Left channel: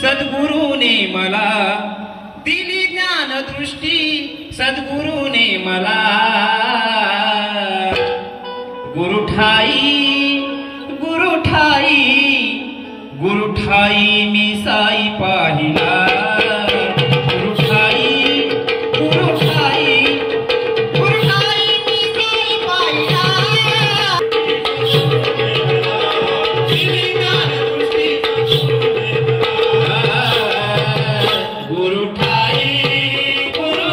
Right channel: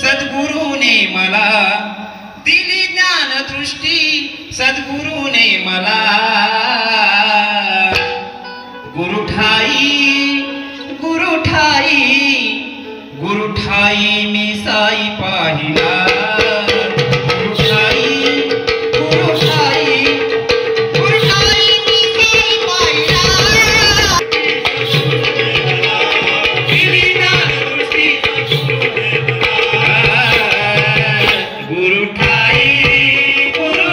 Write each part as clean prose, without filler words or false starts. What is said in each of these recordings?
सद्गुरूने मला दिली ज्ञान दृष्टी, सद्गुरूने मला गुरुठाई गुरुठाई गुरुठाई मी साई पाहिला, गुरुठाई गुरुठाई गुरुठाई मी साई पाहिला, दिली ज्ञान दृष्टी गुरुठाई गुरुठाई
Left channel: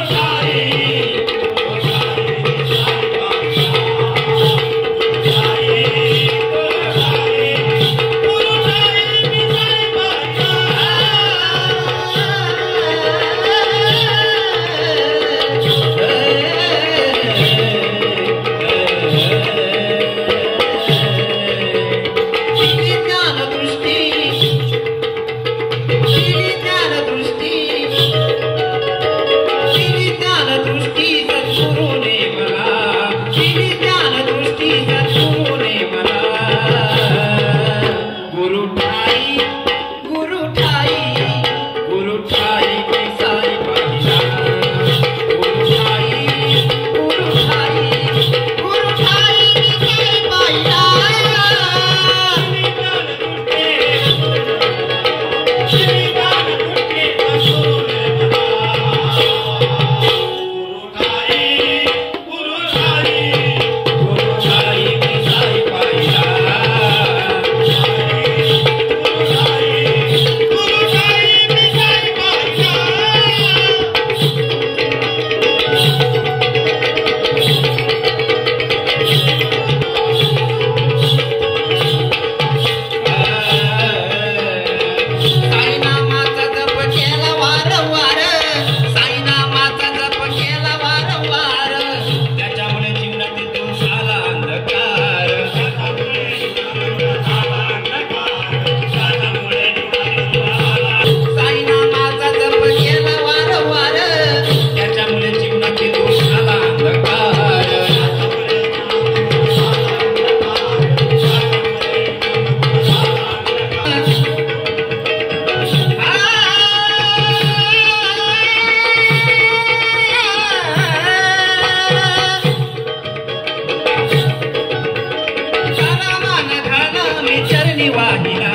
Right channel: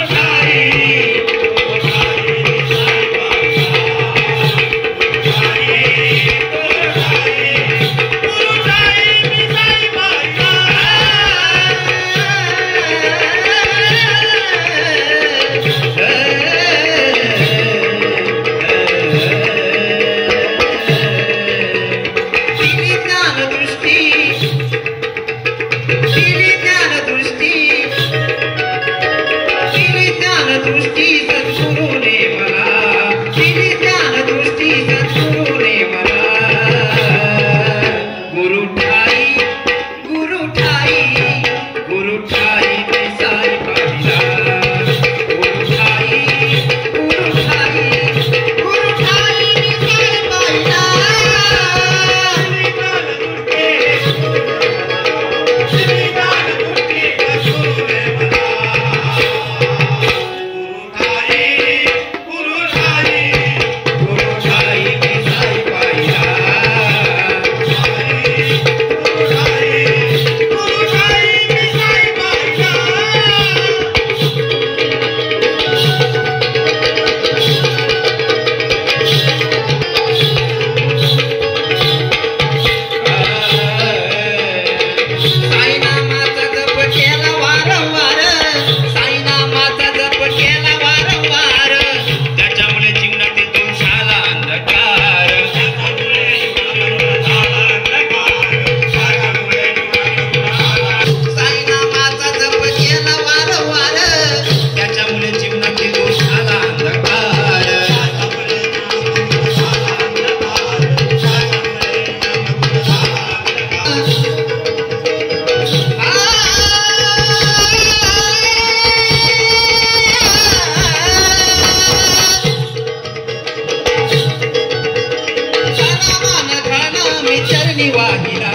चरणी वाहिला,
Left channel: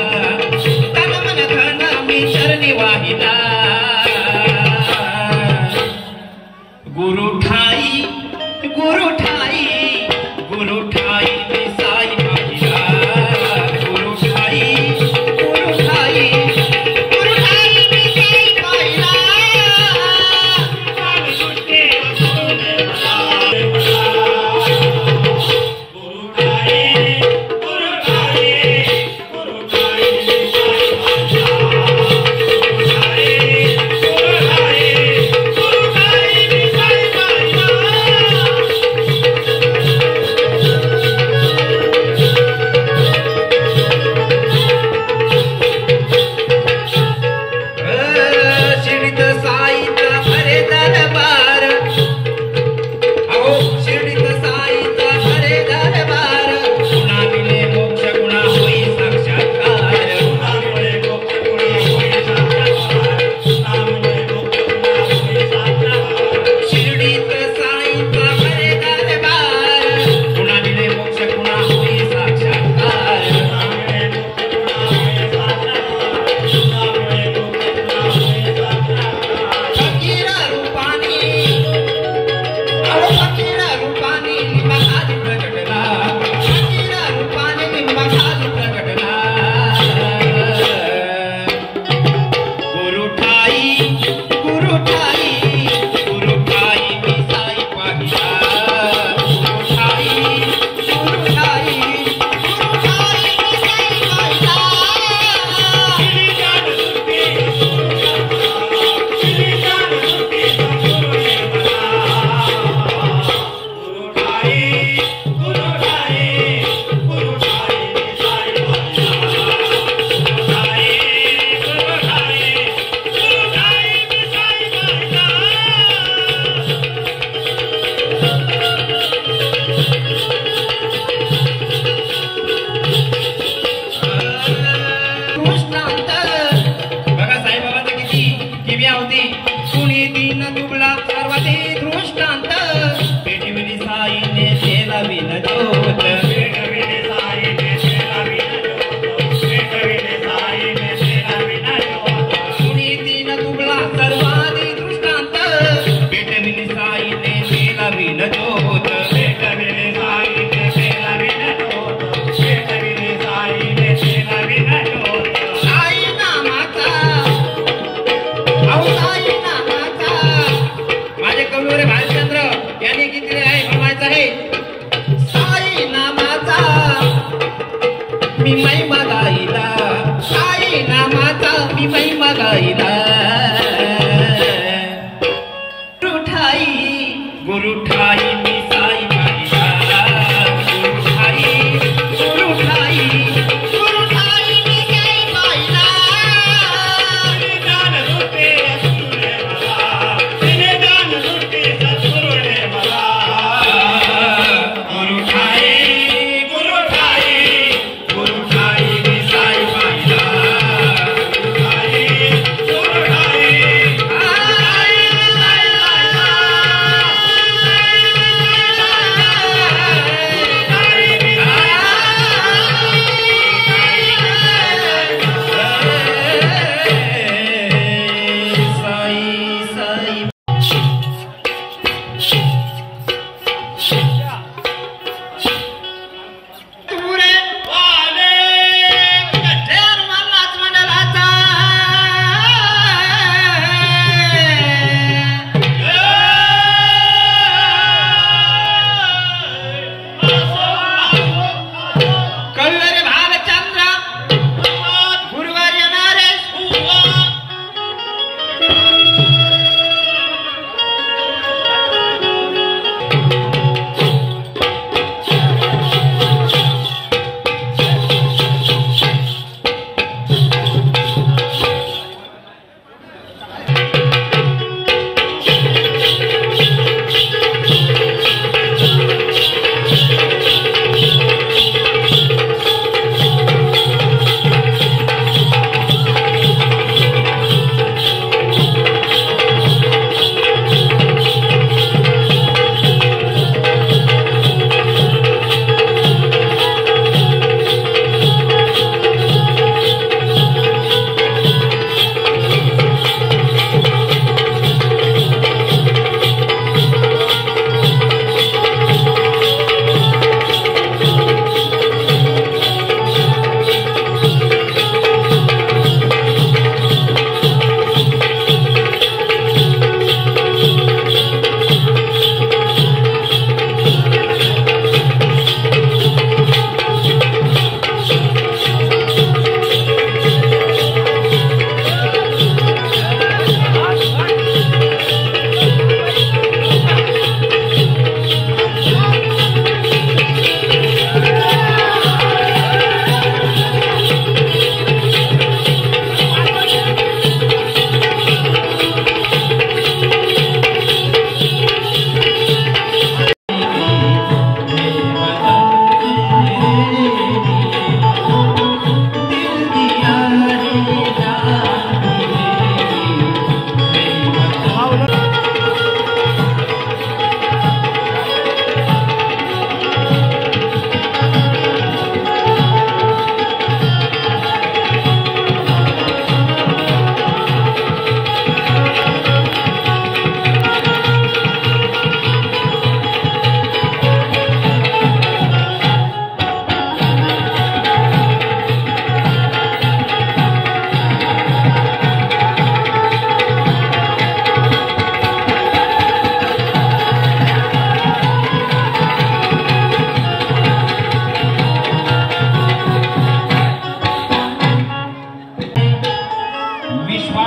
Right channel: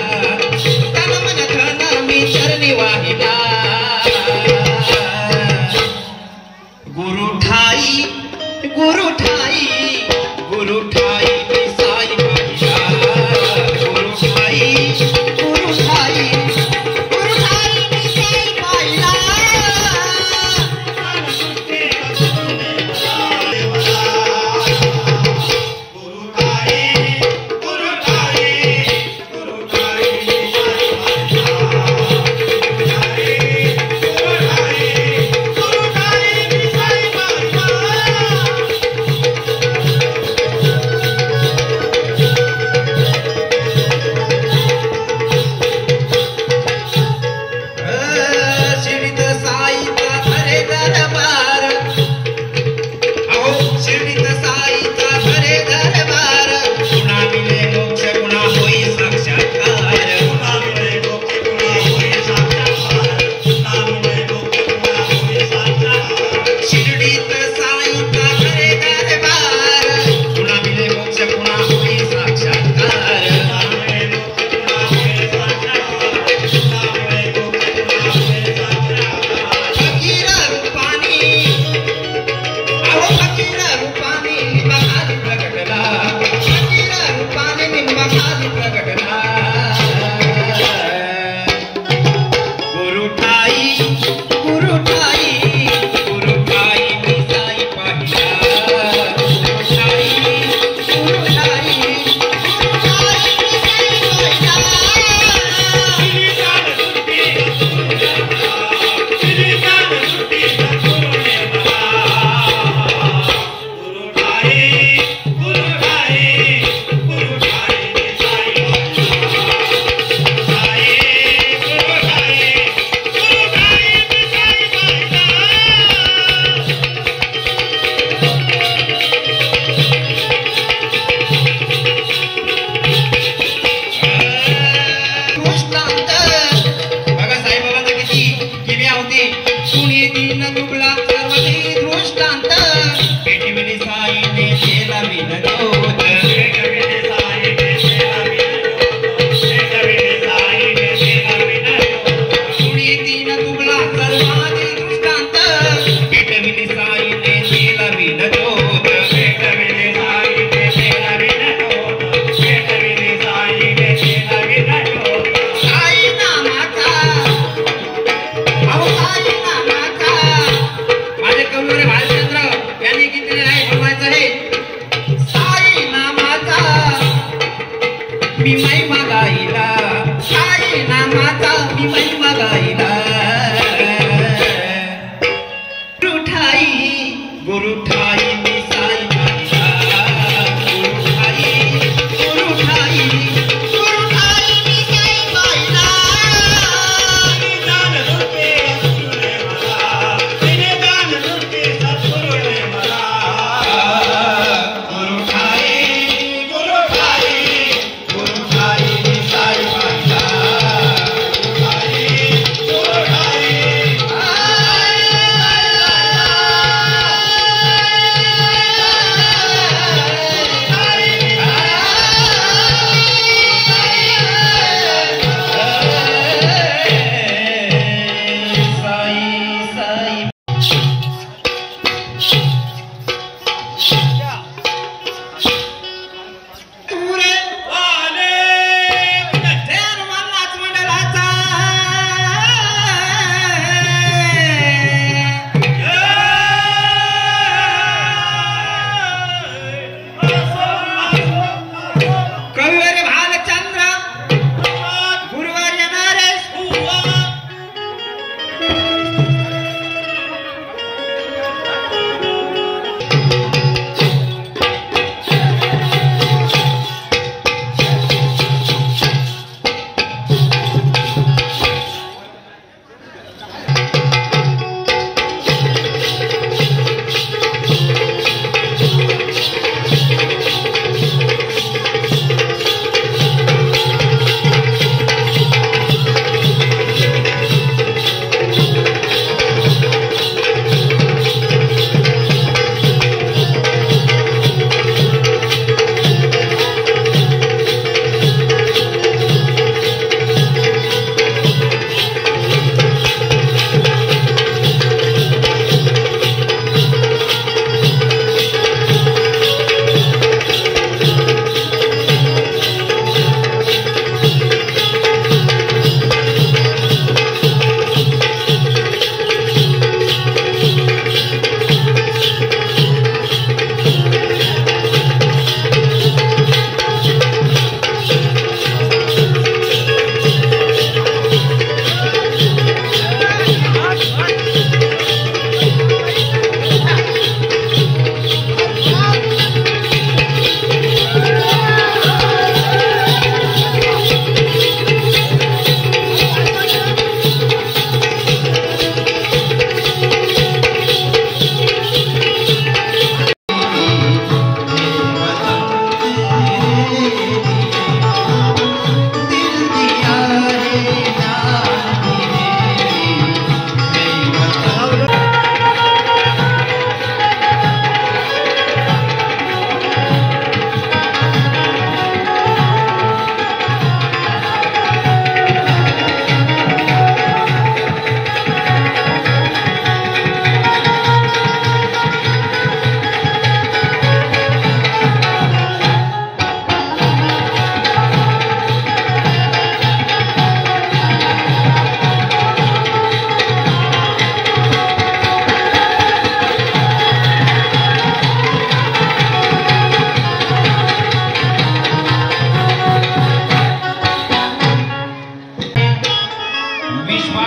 तन मन धन मी चरणी वाहिला, गुरुठाई गुरुठाई गुरुठाई मी साई पाहिला, गुरुठाई गुरुठाई गुरुठाई मी साई पाहिला, गुरुठाई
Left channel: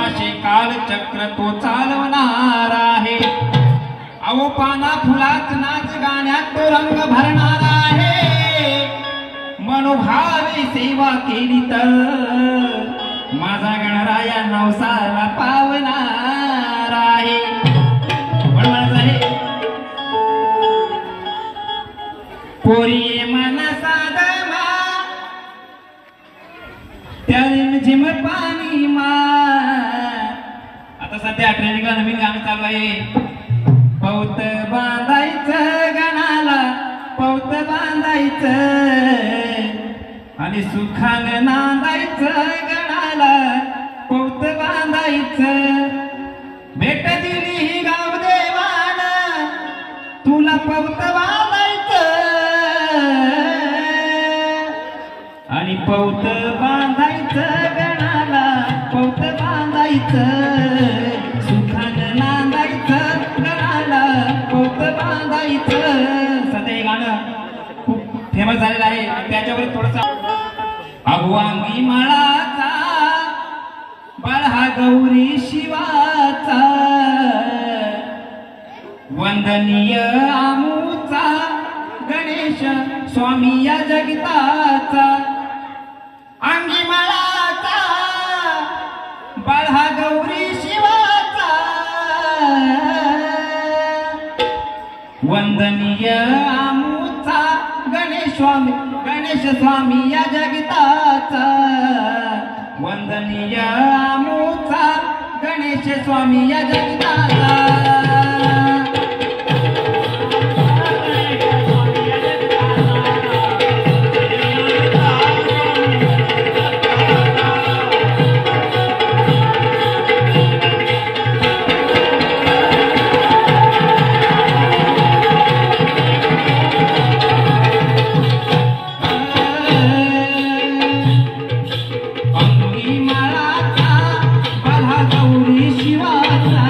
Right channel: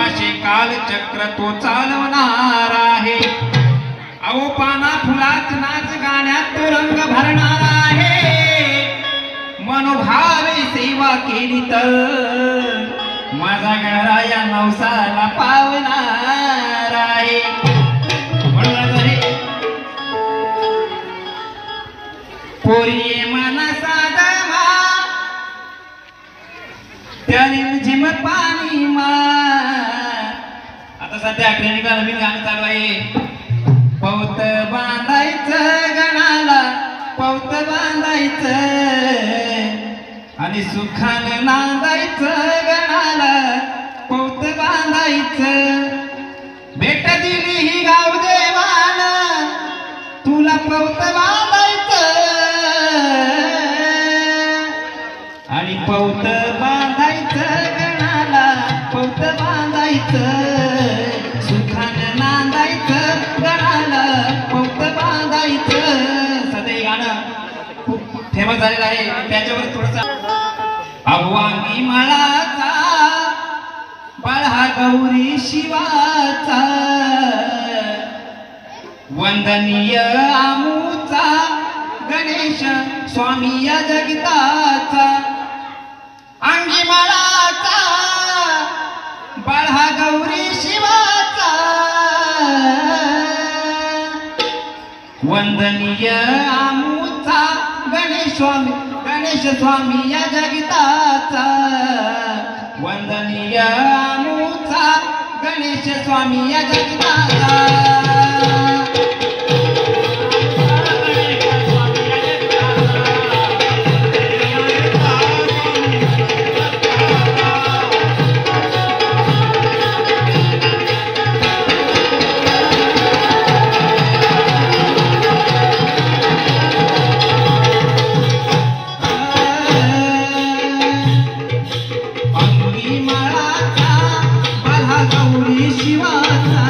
असे कालचक्र तो चालवणार आहे. अहो पाना फुलात नाच गाण्यात तो रंग भरणार आहे. मनोभावे सेवा केली तर माझा गणराया नवसाला पावणार आहे. म्हणणार आहे पोरी मनसा दमा त्याने झिमत पाणी मा. आता सध्या ट्रेनिंगला नवीन गाणं चालू आहे. पौत बांधायचं गणाला पौत बांधायचं आणि सुखानं नांदायचं गणाला पौत बांधायचं. भेट दिली ही गाव देवान तुला पौत बांधायचं आणि पौत बांधायचं गणाला पौत बांधायचं. सुखानं नांदायचं गणाला पौत बांधायचं. सध्या हे गाणं खूप फेमस झालेलं आहे. त्याच्यावर थोडसा अभवांगी माळाचा बाळहा गौरी शिवाचा वंदनीय आमूचा गणेश स्वामी या जगताचा. अंगी माळाचा बाळहा गौरी शिवाचा वंदनीय आमूचा गणेश स्वामी या जगताचा. वंदनीय आमूचा गणेश स्वामी या जगताचा. गौरी शिवाचा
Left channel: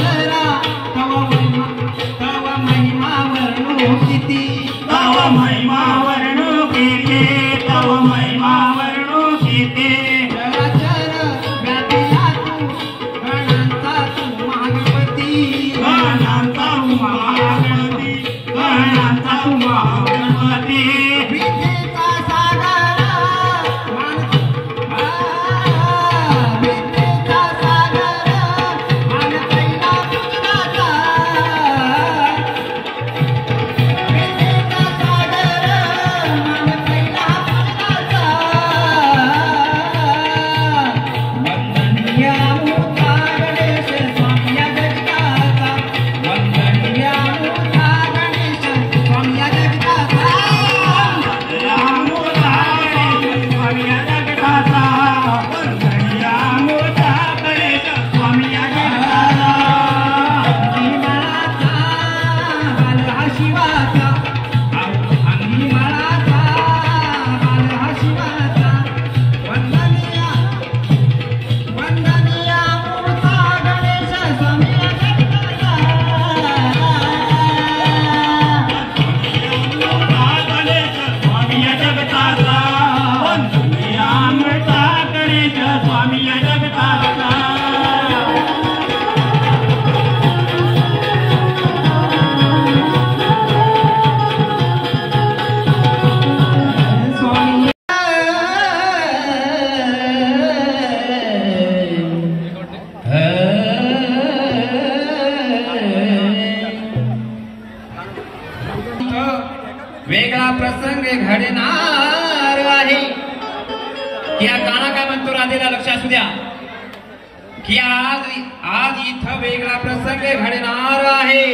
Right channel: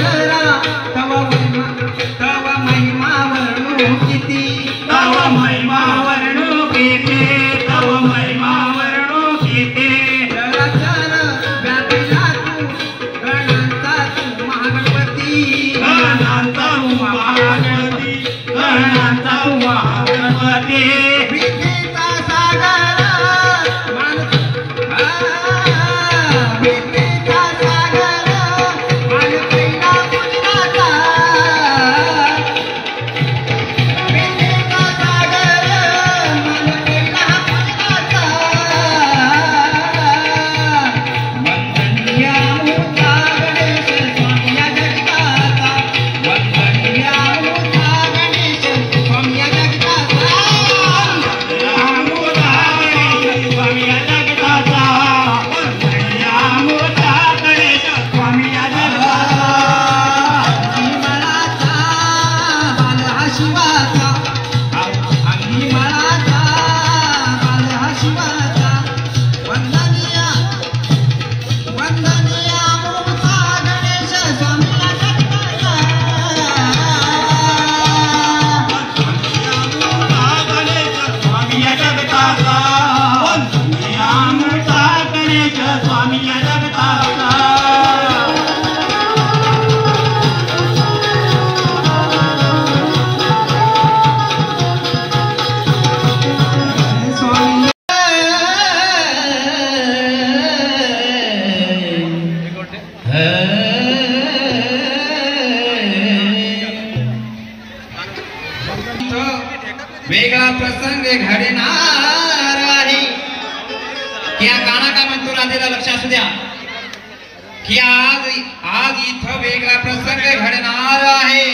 जरा तव महिमा वर्णू किती तव महिमा वर्णू किती तव महिमा वर्णू किती चराचर व्यापिला तू गणांचा तू महागणपती गणांचा तू महागणपती गणांचा तू महागणपती विद्येचा सागर विद्येचा सागर मान पहिला पुजनाचा विद्येचा सागर मान पहिला पुजनाचा वंदनीया मूर्ता गणेश स्वामी जगताचा वंदनीया मूर्ता गणेश स्वामी जगताचा वेगळा प्रसंग घडणार आहे की या गाणं काय म्हणतो राधेला लक्ष असू द्या की आज इथं वेगळा प्रसंग घडणार आहे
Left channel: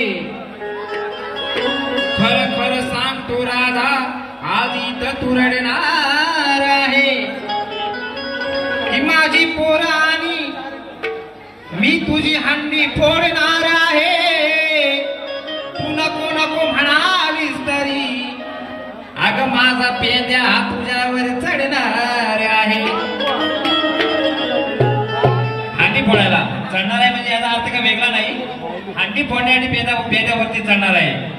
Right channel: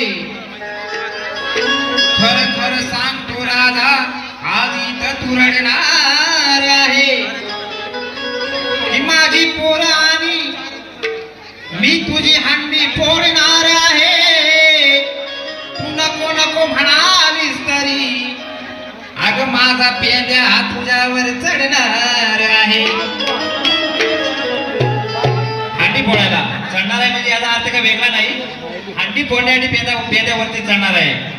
खरं खरं सांग तू राधा आज इथं तू रडणार आहे की माझी पोरं आणि मी तुझी हंडी फोडणार आहे तू नको नको म्हणालीस तरी अग माझा पेंद्या तुझ्यावर चढणार आहे हंडी फोडायला चढणार आहे म्हणजे याचा अर्थ का वेगळा नाही हंडी फोडण्यासाठी पेंद्यावरती चढणार आहे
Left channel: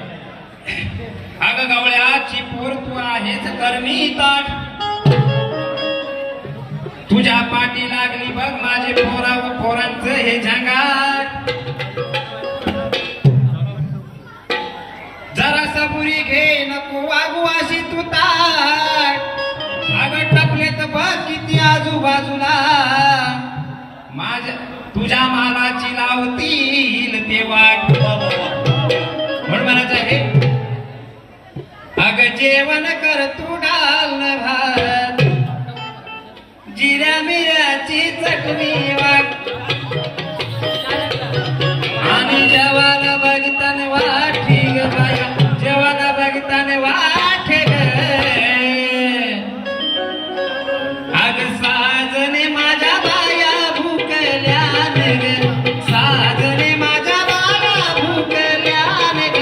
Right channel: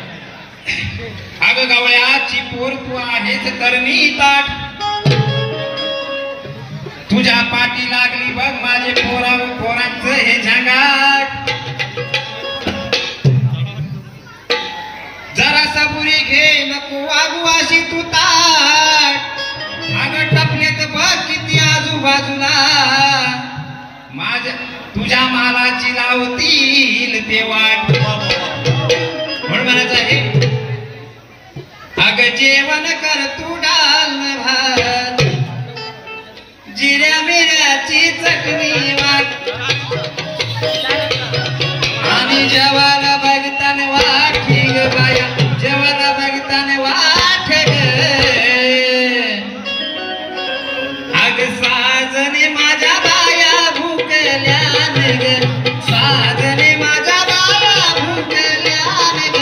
अग गवळ्याची पोर तू आहेच करणी ताट तुझ्या पाठी लागली बघ माझे पोरांचं हे झंगाट जरा सबुरी घे नको वागू अशी तू ताट अगं टपलेत बघ किती आजूबाजूला माझ्या तुझ्या मालाची लावतील ते वाट म्हणून म्हणायचं आहे अगं जेवण कर तू डाल भात जिऱ्या मिऱ्याची चटणी वाट आणि जेवायला बघताना वाट ठीक बाया जेवायला बघताना वाट अग साजने माझ्या बाया भुकल्यान ग साजने माझ्या बाया भुकल्यान ग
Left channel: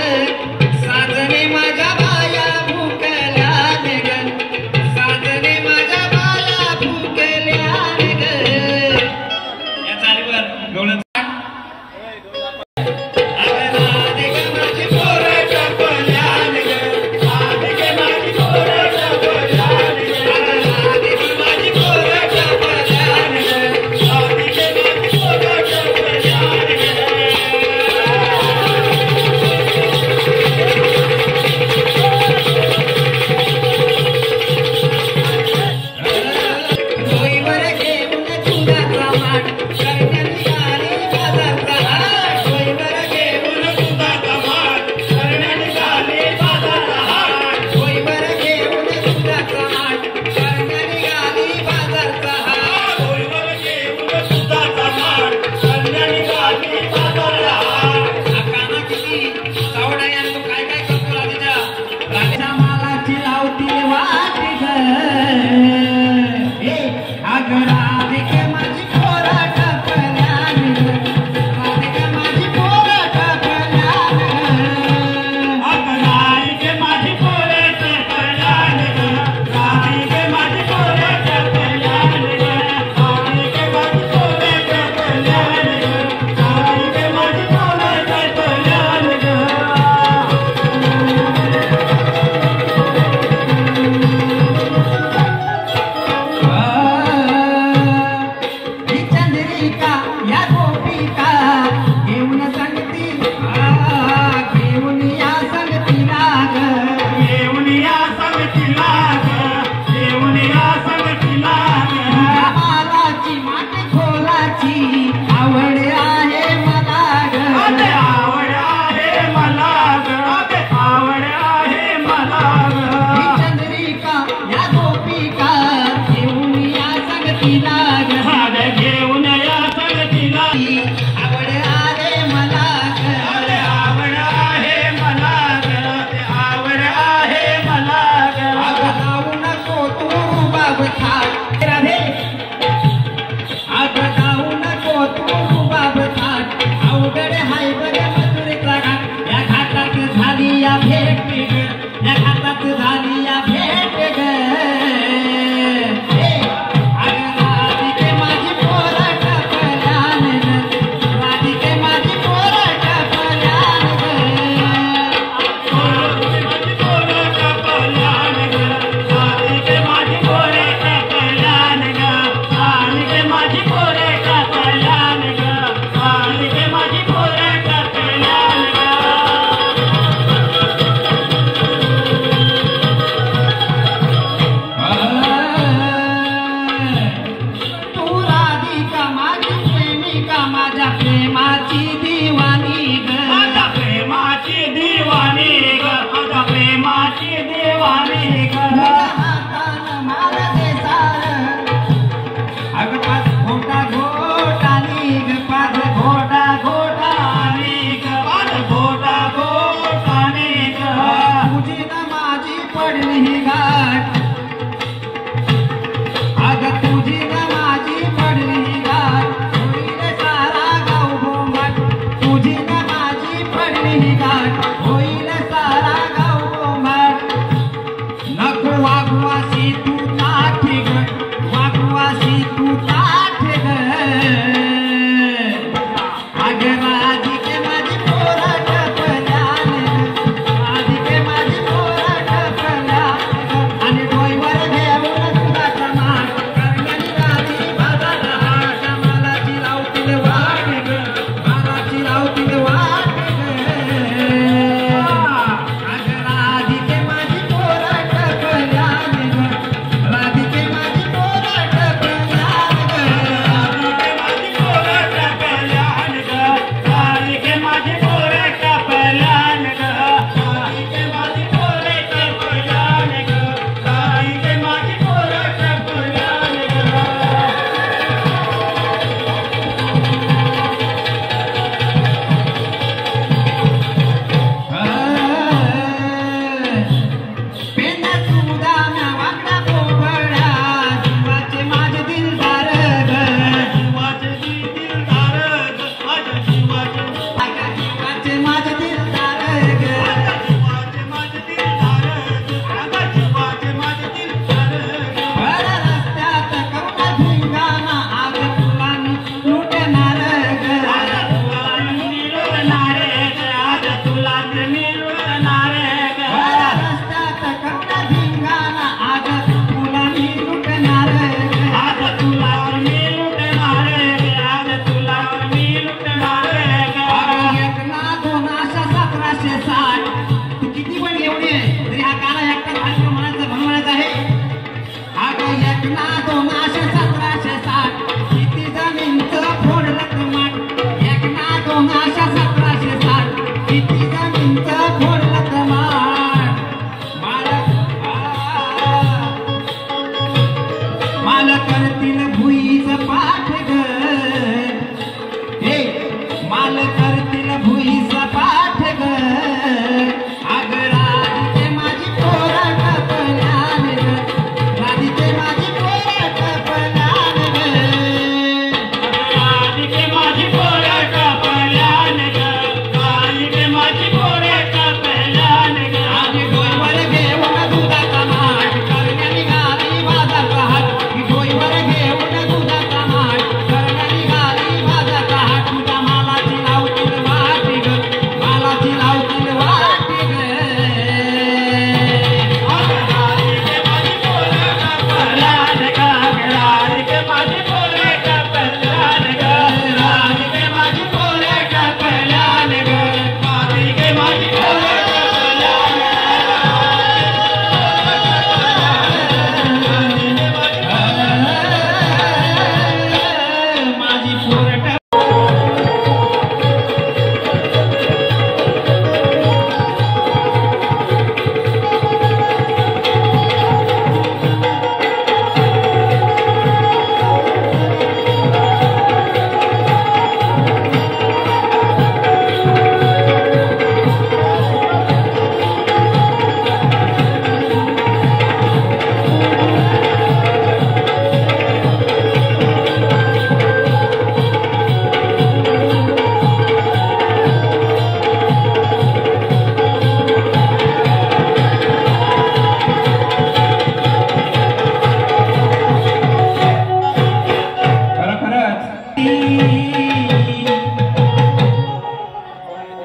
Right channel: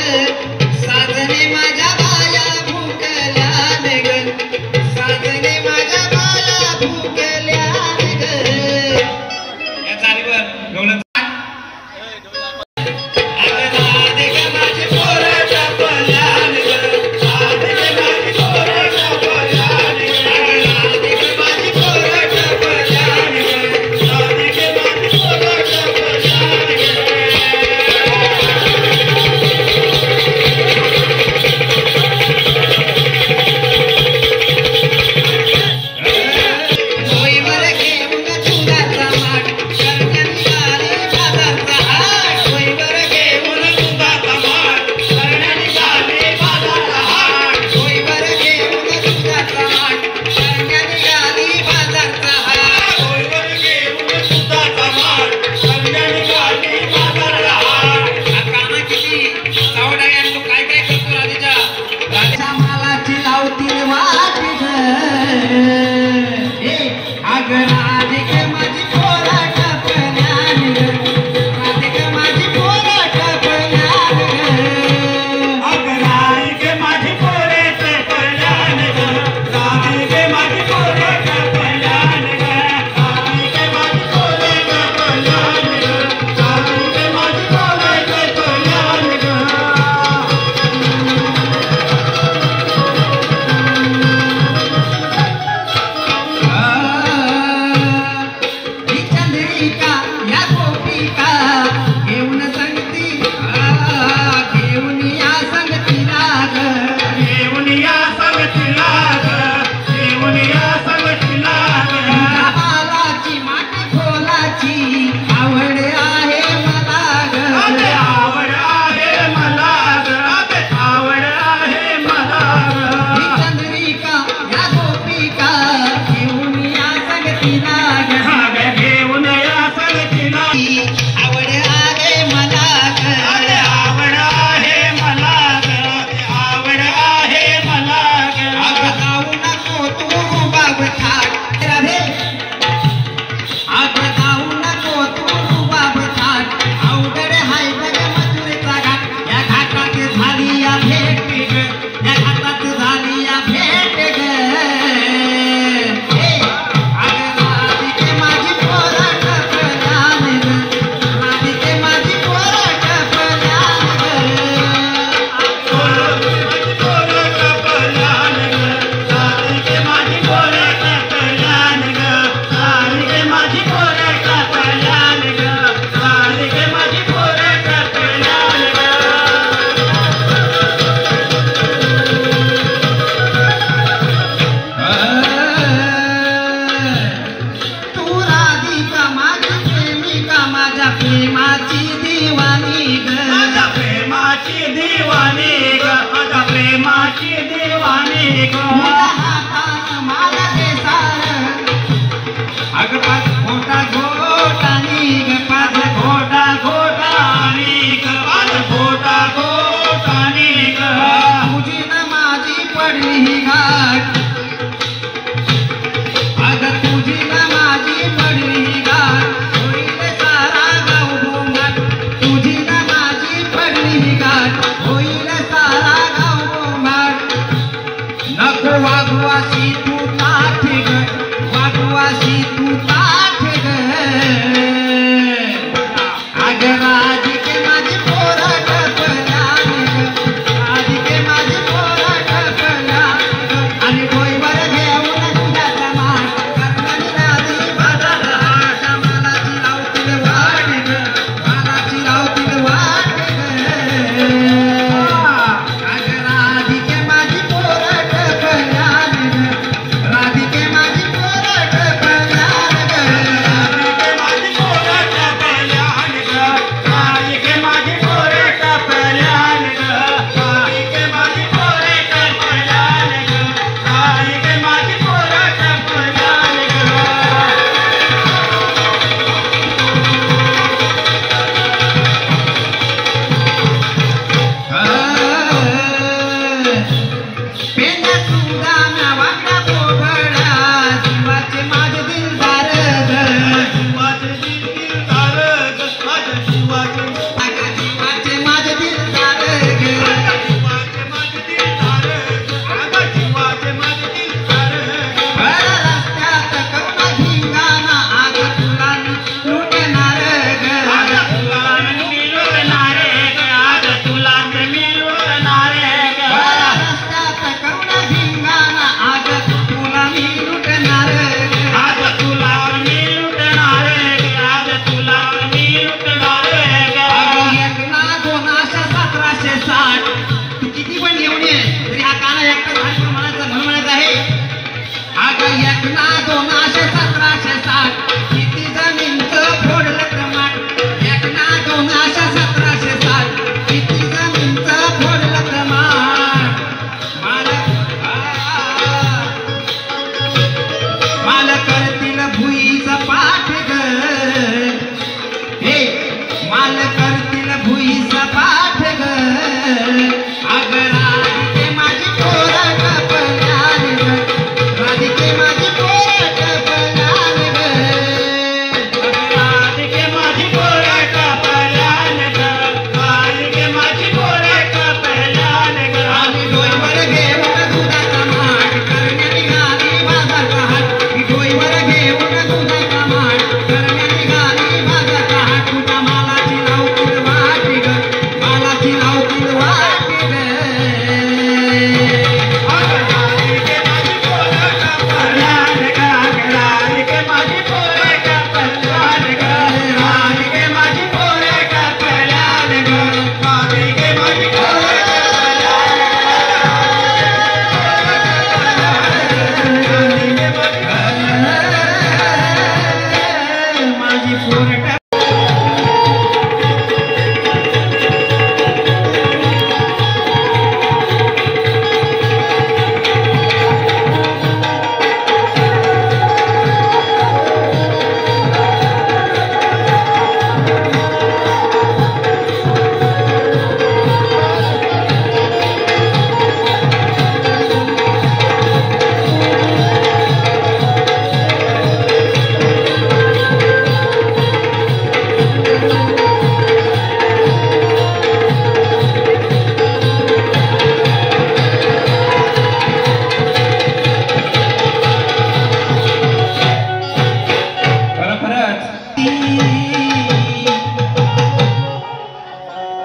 साजने माझ्या बाया भुकल्यान ग साजने माझ्या बाया भुकल्यान ग या चालीवर गवळण पडली ही गाठ अग तुझी न माझी पडली ही गाठ होईल सारा गाव गोंगाट तुझी न माझी पडली ही गाठ होईल सारा गाव गोंगाट नको वागवासी तू ताठे ग वागवासी तू ताठे ग अग राधिके माझी पोरा टपल्याने ग राधिके माझी पोरा टपल्याने ग आणि डोईवर घेऊन तुझ्या माठ करण्याने राधी माझा हात मला चिरावतील वाट ग मला चिरावतील वाट ग अग राधिके माझी पोरा टपल्याने ग राधिके माझी पोरा टपल्याने पेना सुदाना वाकडा पोपडा जीवाचे माझे दिलदार ग अगं जीवाचे माझे दिलदार ग बरं रस्त्यात कवना धिंगाणा आज तुला लुटणार ग बरं रस्त्यात कवना धिंगाणा आज तुला मी लुटणार ग अगं एक ना दोन अशा 1760 तू किती पण घेऊन ये तरी हा काना एकटा भारी म्हणायचं म्हणून म्हणत आहे अगं एक ना दोन अशा 1760 किती जमीनचं फोडलं कमाट एक ना दोन अशा 1760 किती जमीनचं फोडलं कमाट माल करतील भुईच पाठ ग हे माल करतील भुईच पाठ ग अग राधिके माझी पोरा टपल्याने ग राधिके माझी पोरा टपल्याने ग आणि डोईवर घेऊन दुधाचा माठ करण्या निघाली माझा कहाट डोईवर घेऊन दुधाचा माठ करण्या निघाली माझा कहाट तुझ्या मालाची लावतील वाट ग मालाची लावतील वाट ग राधिके माझी पोरा टपल्याने ग राधिके माझी माझी पोरट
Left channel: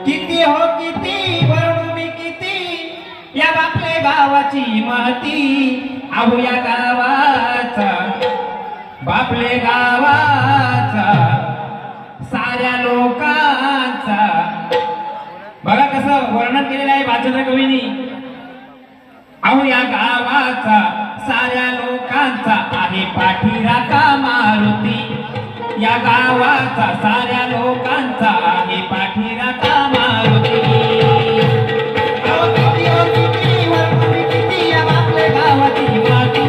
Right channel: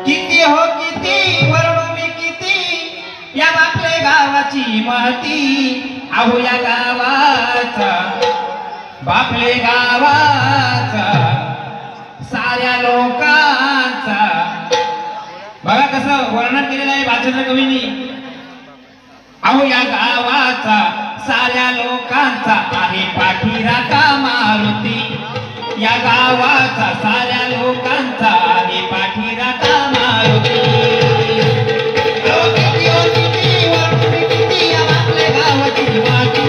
किती हो किती वरडू मी किती या बापले गावाची महती अहो या गावाचा बापले गावाचा साऱ्या लोकांचा बघा कसं वर्णन केलेलं आहे वाचन कवीनी अहो या गावाचा साऱ्या लोकांचा आहे पाठीराखा मारुती या गावाचा साऱ्या लोकांचा आहे पाठीराखा मारुती अहो किती हो किती वरडू मी किती या बापले गावाची माती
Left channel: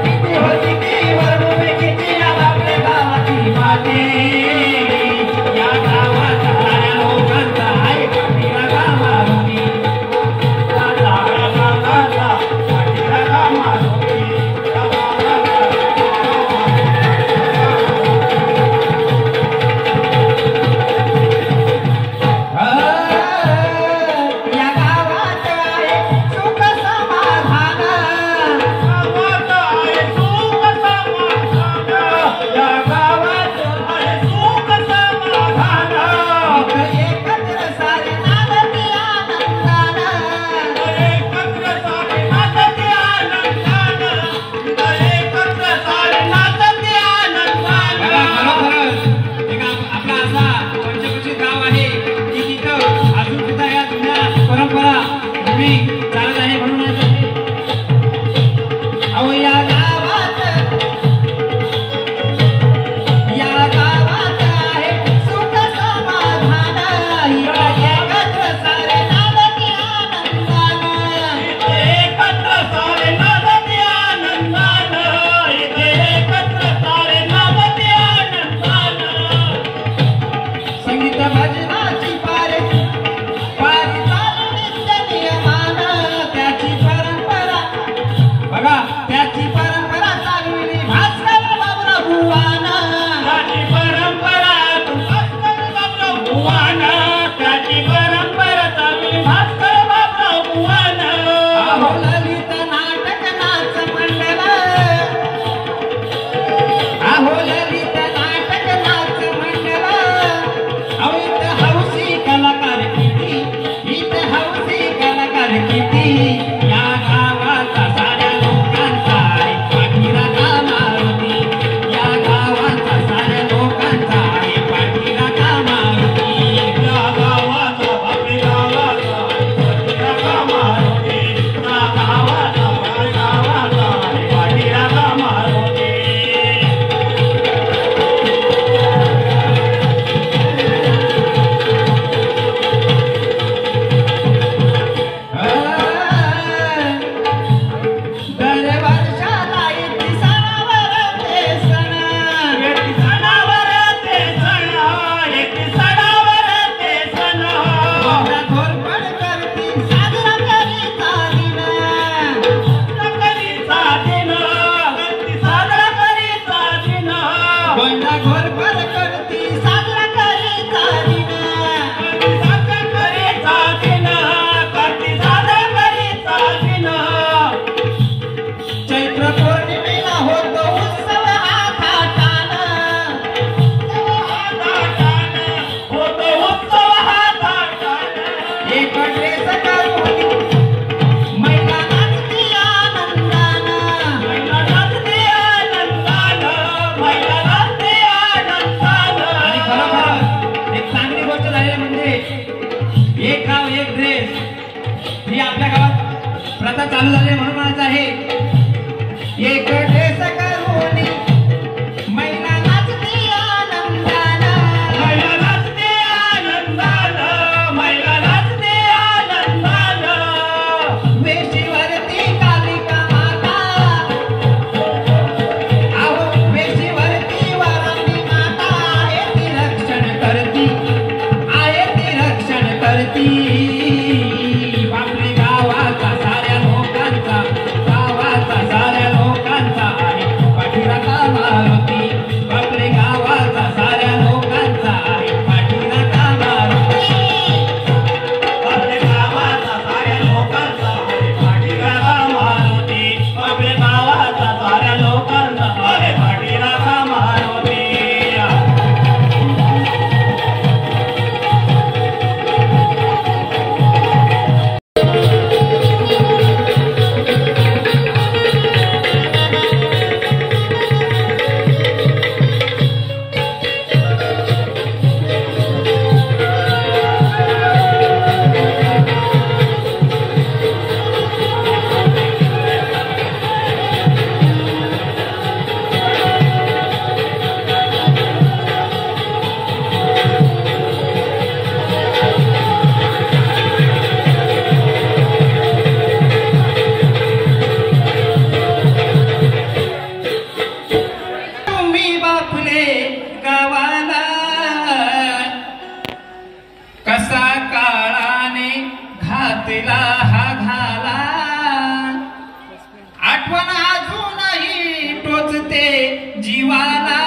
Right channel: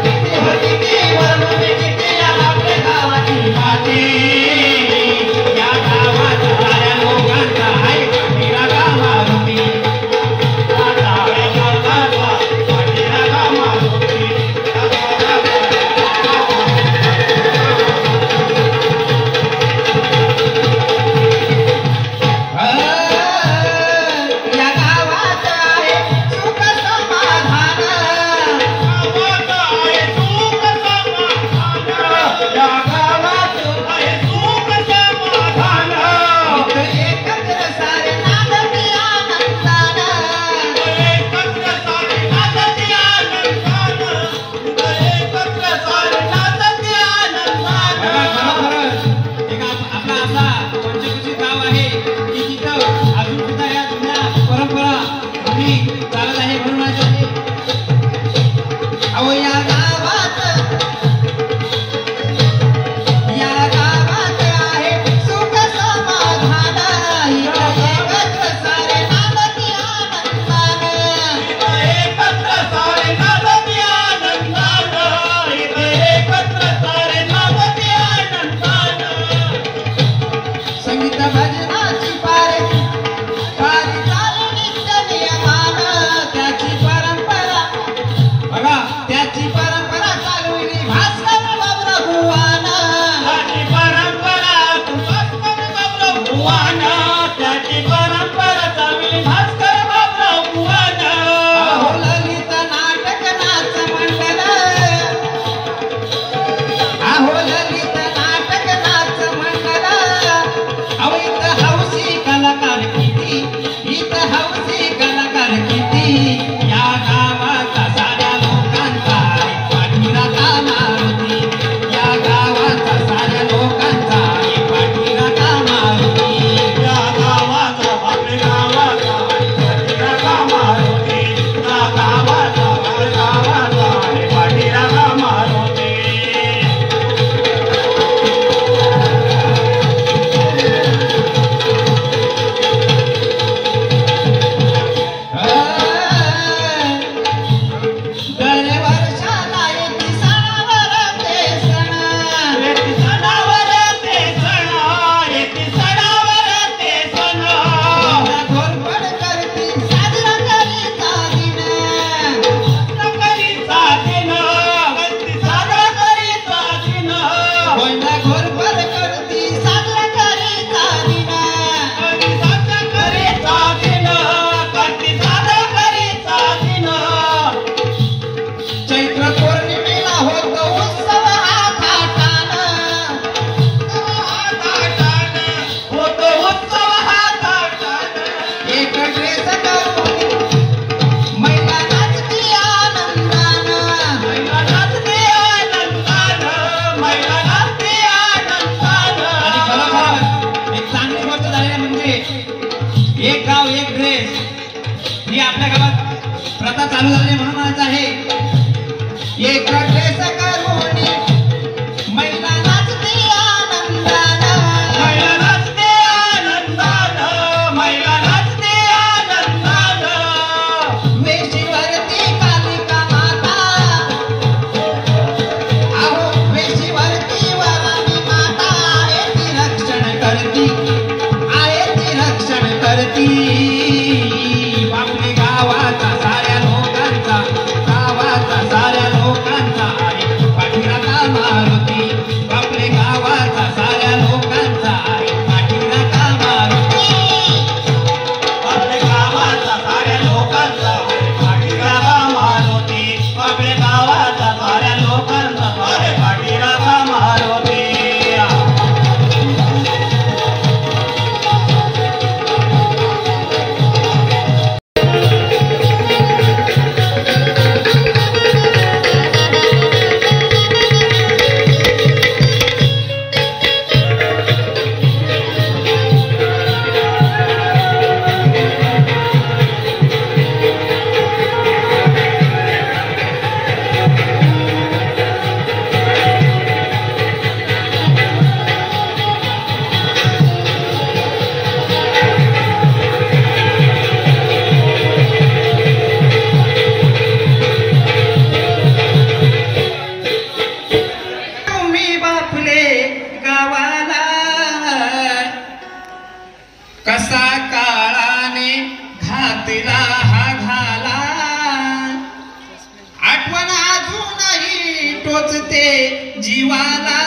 किती हो किती वरडू मी किती या बापले गावाची माती या गावाचा साऱ्या लोकांचा आहे पाठीराखा मारुती बापली चालत आहे म्हणून माझं अहो या गावात आहे सुख समाधान एकत्र सारे नांदती आनंदानं एकत्र सारे नांदती आनंदानं एकत्र सारे नांदती आनंदानं संगीत भजनाची पारी चालू नित्य नियमानं त्याची परंपरा बघा त्याची परंपरा चालवली भास्कर बाबराव बुवानं त्याची परंपरा भास्कर बाबराव बुवानं त्याची परंपरा चालली भास्कर बाबराव बुवानं अहो ललित नाटक नाच मंडळ अहो ललित नाटक नाच मंडळ अहो इथं हौसी कलाकार किती इथं हौसी कलाकार किती या गावाचा साऱ्या लोकांचा आहे पाठीराखा मारुती या गावाचा साऱ्या लोकांचा आहे पाठीराखा मारुती या गावाचा बापरे गावाचा पाठीराखा मारुती या गावाचा पाठीराखा मारुती दर वर्षाला येते सणावर ते सण येती सणावर ते सण येती सणावर ते सण घोरपड करती साजरा करीता दिन करीचा दिन साजरा करीचा दिन कोणता घोरपड करती साजरा करीता दिन कधी साजरा करीचा दिन कधी साजरा करीचा दिन चैत्र पौर्णिमेला होतो उत्सव हा थाटानं होतो उत्सव हा थाटानं एक ड्रेस करून महिला नाचती आनंदानं महिला नाचते आनंदानं महिला नाचते आनंदानं आणि खरोखर एक चांगली गोष्ट झाली म्हणजे एक गाव एक ड्रेस ही आपल्या गावात प्रथा चालू झाली म्हणून म्हणायचं आहे एक ड्रेस करून महिला नाचते आनंदानं महिला नाचते आनंदानं महिला नाचते आनंदानं वेशीवरती कालिका माता अहो वेशीवरती वराणी माता आहे ती रक्षण करती आहे ती रक्षण करती बापरे गावाचा साऱ्या लोकांचा आहे पाठीराखा मारुती बापरे गावाचा साऱ्या लोकांचा आहे पाठीराखा मारुती आपल्या गावाचा साऱ्या लोकांचा आहे पाठीराखा मारुती आपल्या गावाचा साऱ्या लोकांचा आहे पाठीराखा मारुती तुम्ही बापले गावाला कसा काळाने घातला हा घाला आठवण अजूनही टोचते जीवाला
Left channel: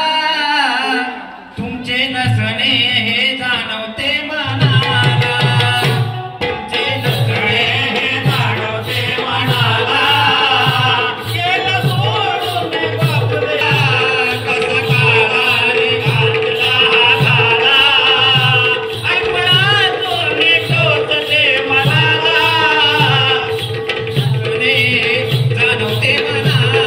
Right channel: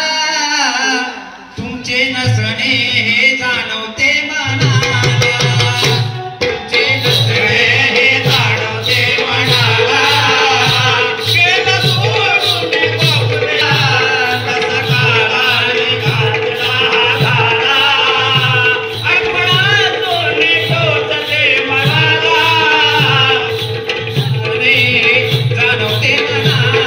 तुमचे नसणे हे जाणवते मनाला तुमचे नसणे हे जाणवते मनाला केलं सोडून बापरे कसा काळाने घातला हा घाला आठवणा तोंडी टोचते मनाला जाणवते मनाला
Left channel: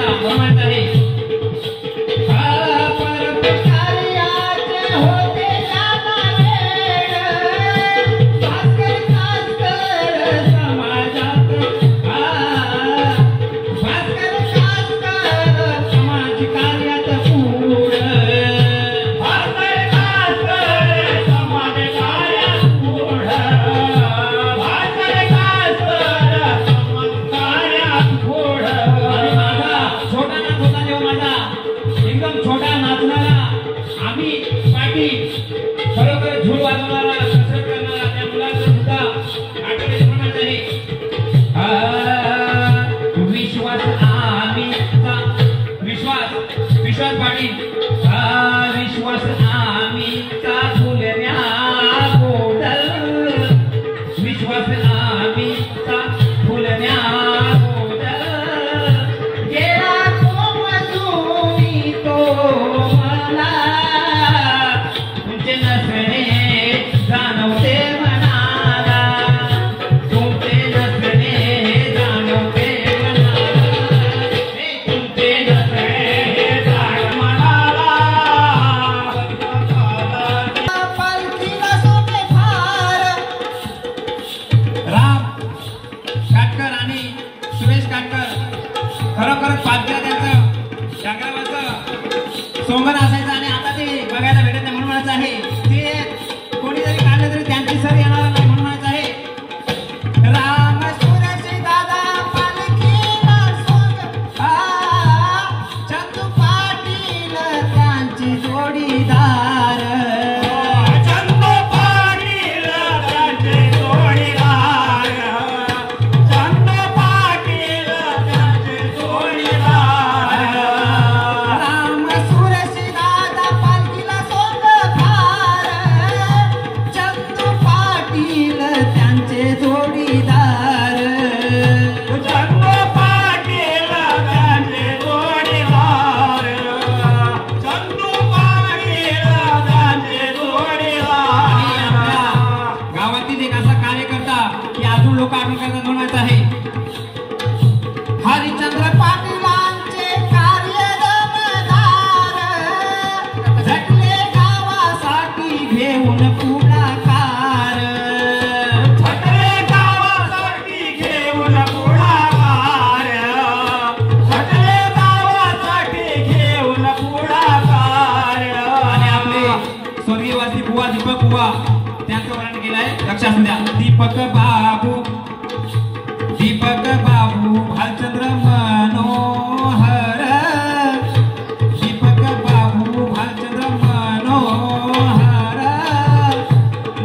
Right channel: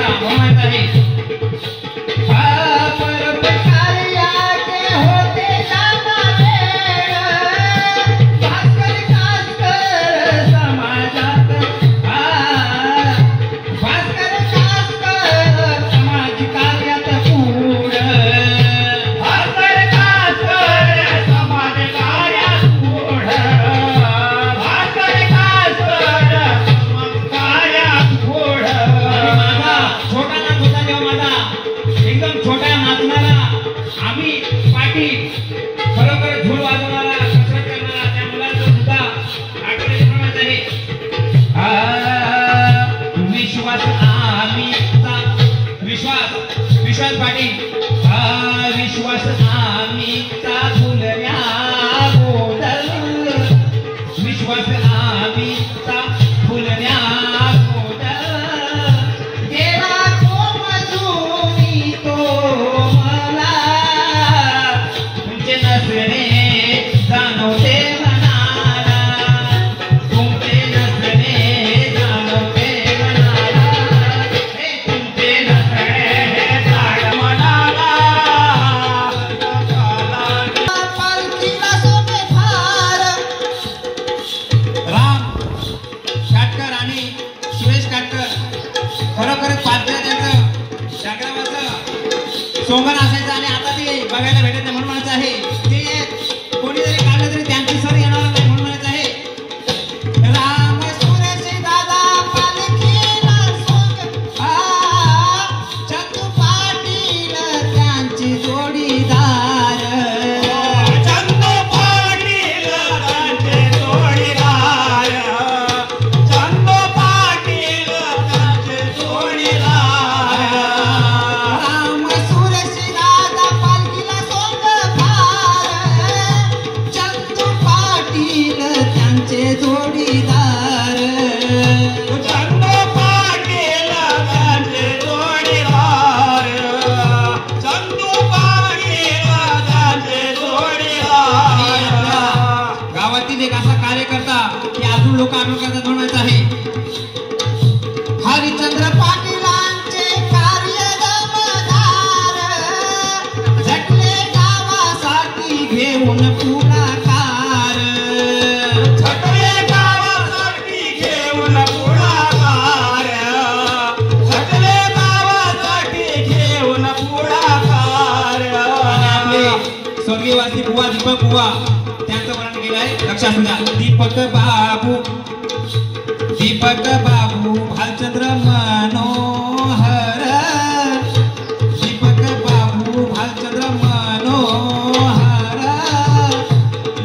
माता म्हणून आहे परोपकार्याचे होते जामावेड, भास्कर कास्कर समाजात भास्कर कास्कर समाज कार्यात पुढ, भास्कर कास्कर समाज कार्यात पुढ, भास्कर कास्कर समाज कार्यात पुढ. माझा छोटा नाच होता तेव्हा माझा एकदम छोट्या नाचणारा आम्ही पाठी खरोखर झूल वाजवणारा कसरत करणारा त्या मुलाचा सुद्धा आठवले प्रमाणात आहे. विश्वास आम्हीचा विश्वास विश्वास पाटील विश्वास आम्हीचा फुलऱ्या गोडल, विश्वास आम्हीचा फुलऱ्या गोडल, गेला कोमजूनी तो मला, तुमचे नसणे जाणवते मनाला, तुमचे नसणे जाणवते मनाला, हे तुमचे नसणे जाण मनाला. पालखीला सोने फार, राम काटकर आणि सुरेश काटकर खरोखरच पालख्या त्यांचं संग्रामाचं सोंगण असायचं आणि आता ते बघायला भेटत नाही म्हणून म्हणायचं आहे ते कोणी जरी काढलं तरी त्यांची सर येणार नाही म्हणून म्हणायचं आहे. राम सुरेश दादा पालखीला सोंग, चंदू पाटील त्यांची जोडीदार, चंदू पाटील त्यांचे जोडीदार, चंदू पाटील त्यांचे जोडीदार. राम सुरेश दादा पालखीला सोंग फार, चंदू पाटील त्यांचे जोडीदार, चंदू पाटील त्यांचे जोडीदार, चंदू पाटील त्यांचे जोडीदार. गावातील एक असा कार्यकर्ता की अजून लोक आठवण करतात म्हणायचं आहे. हरिचंद्र पाटीलांचे कार्य दमदार, झटले गावासाठी घेऊन पुढाकार, झटले गावासाठी घेऊन पुढाकार, झटले गावासाठी घेऊन पुढाकार. आणि आपले स्वर्गीयवासी बुवा दीपक बुवा त्यांचं वर्णन केलं आहे. लक्षात असू द्या. दीपक बाबू भालचंद्र मनोहर, दीपक बाबू भालचंद्र मनोहर,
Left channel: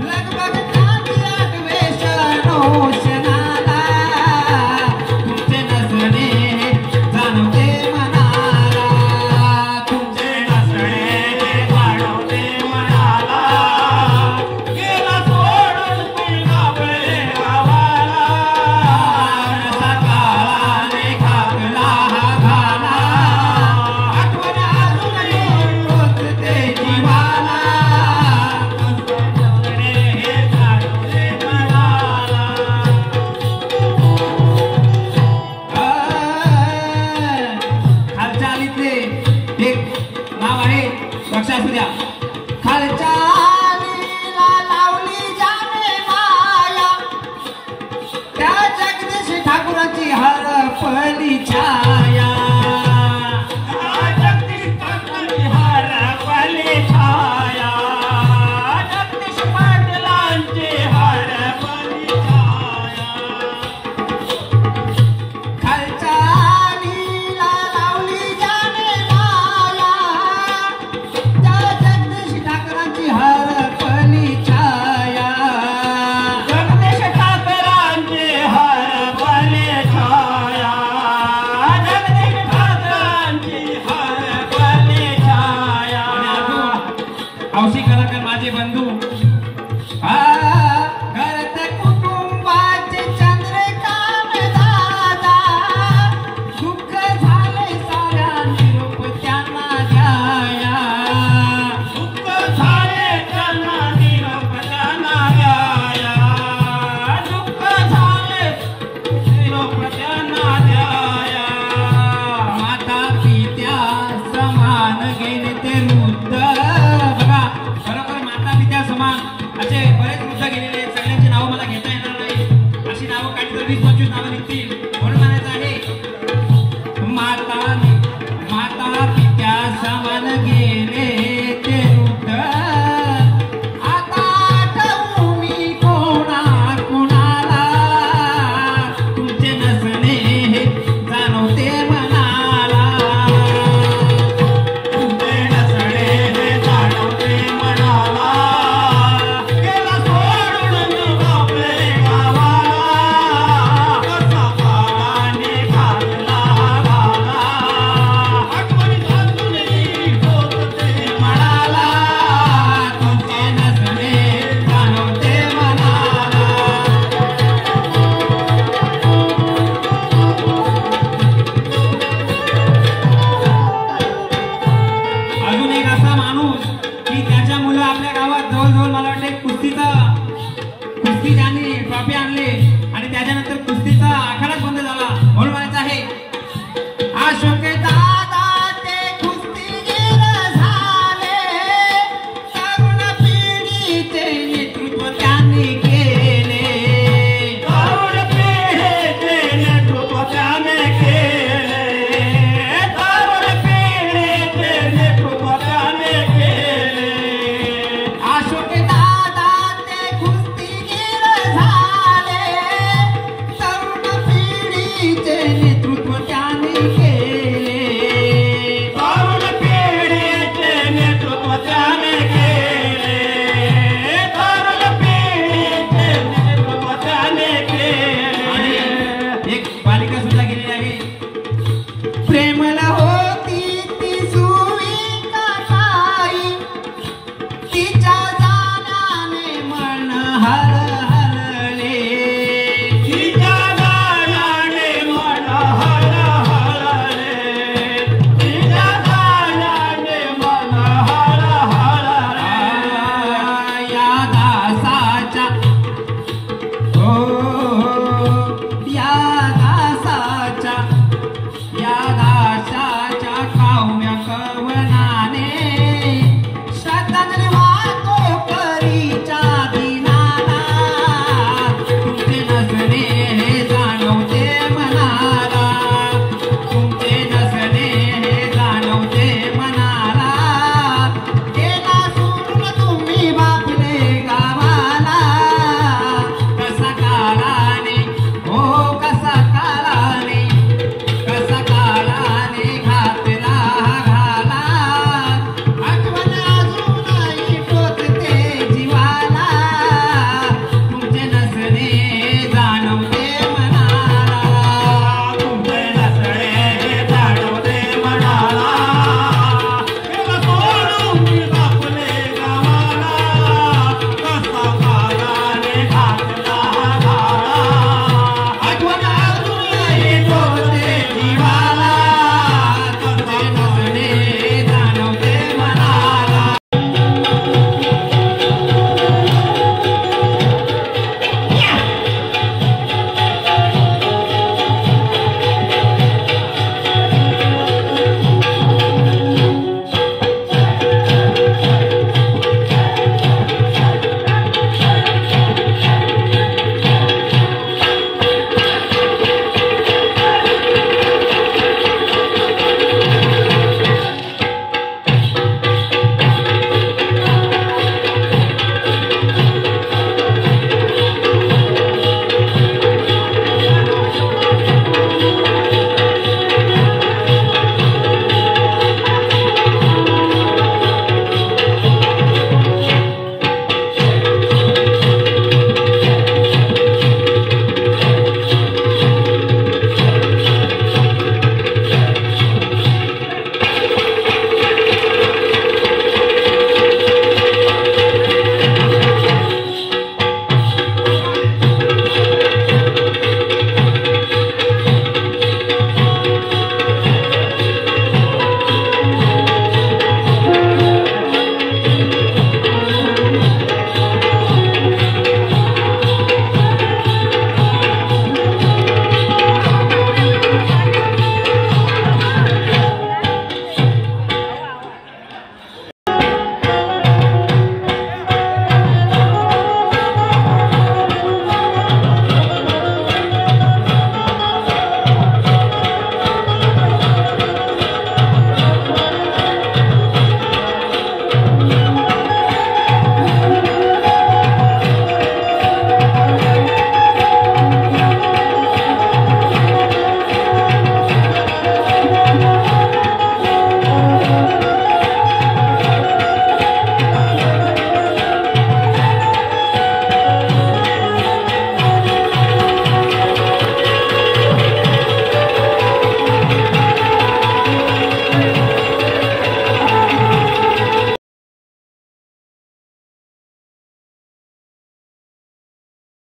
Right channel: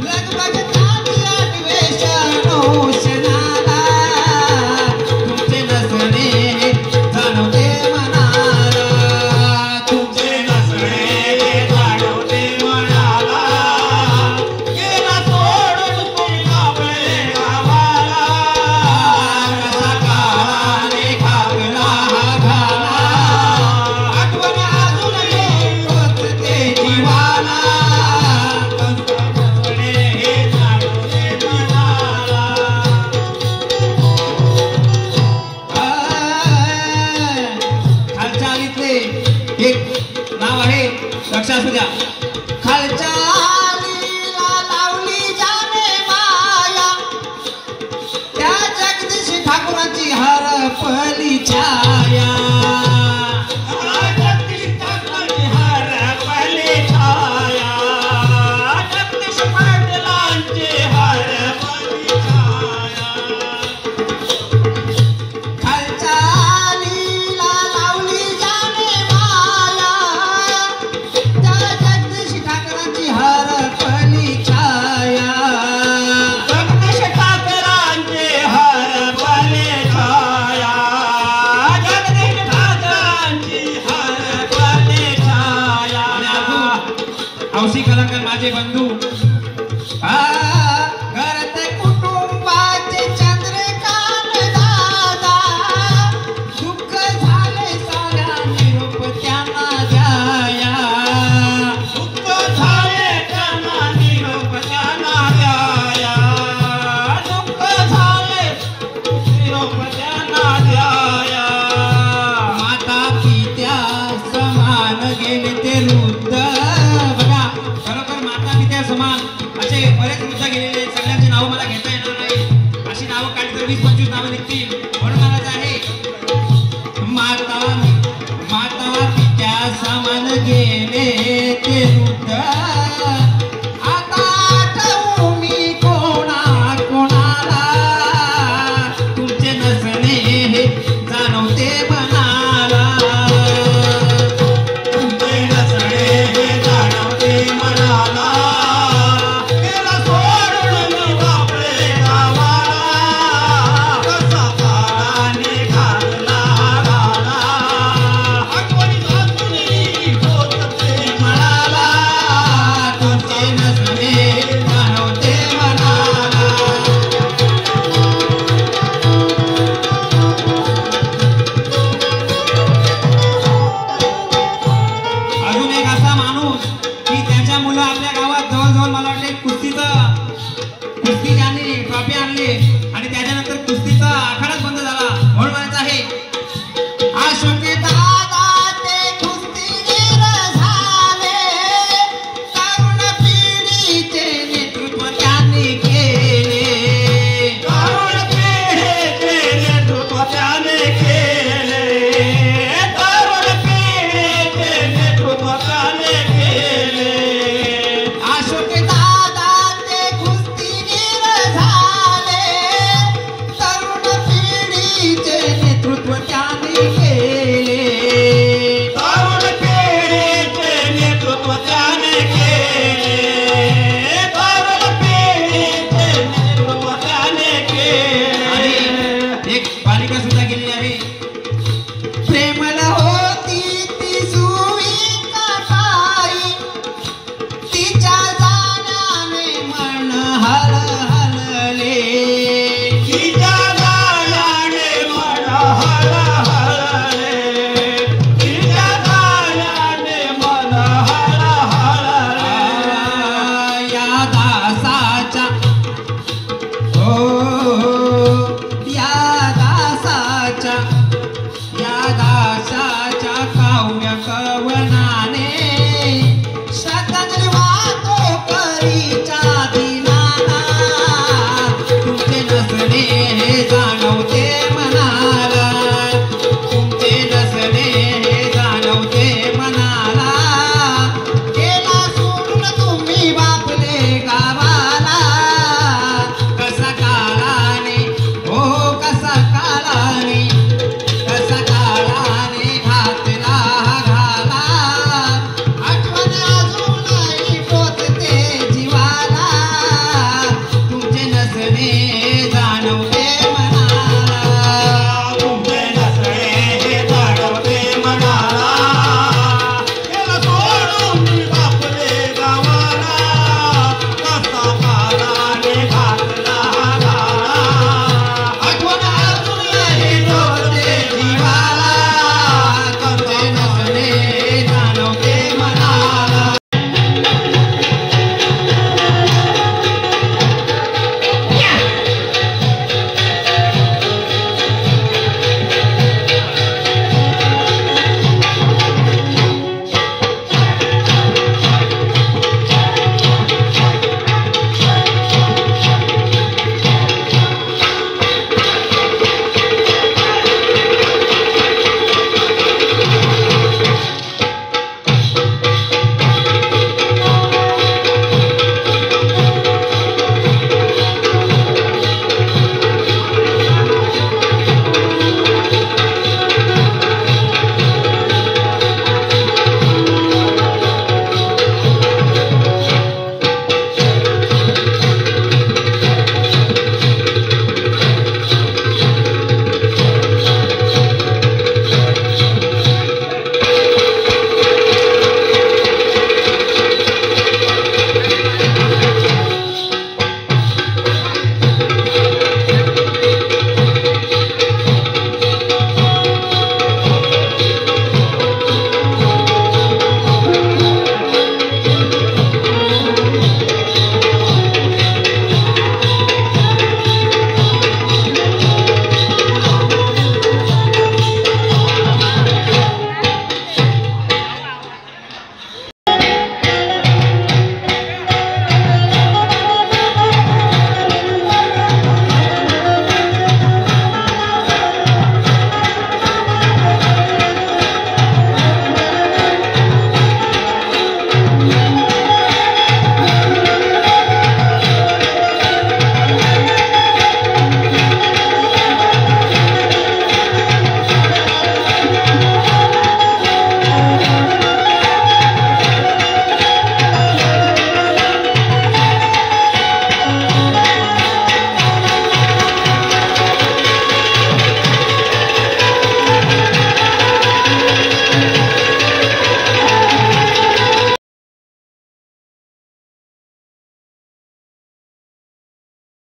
लगबग काठी अन्वेषणोषणाला, तुमचे नसणे जाणवते मनाला, तुमचे नसणे जाणवते मनाला, गेला सोडून तुम्ही आपले गावाला. कसा काळाने खाकला हा भाला, आठवण अजूनही होते जीवाला. नसणे हे जाणवते मनाला. खालच्या आलीतले एक नाव आहे. लक्षात असू द्या. खालच्या आलीला लावली जाणे माया, त्या जगदीश ठाकूरांची हरपली छाया, जगदीश ठाकूरांची हरपली छाया, जगदीश पाटलांची हरपली छाया. खालच्या आलीला लावली जाणे माया, त्या जगदीश ठाकरांची हरपली छाया, जगदीश ठाकरांची हरपली छाया, जगदीश ठाकरांची हरपली छाया. हौशी कलाकार माझे बंधू घरात कुटुंबाची चंद्रकांत दादा, दुःख झाले साऱ्या निरोप त्यांना द्याया, दुःख झाले त्यांना निरोप त्यांना द्याया, दुःख झाले निरोप त्यांना द्याया. माता पेरू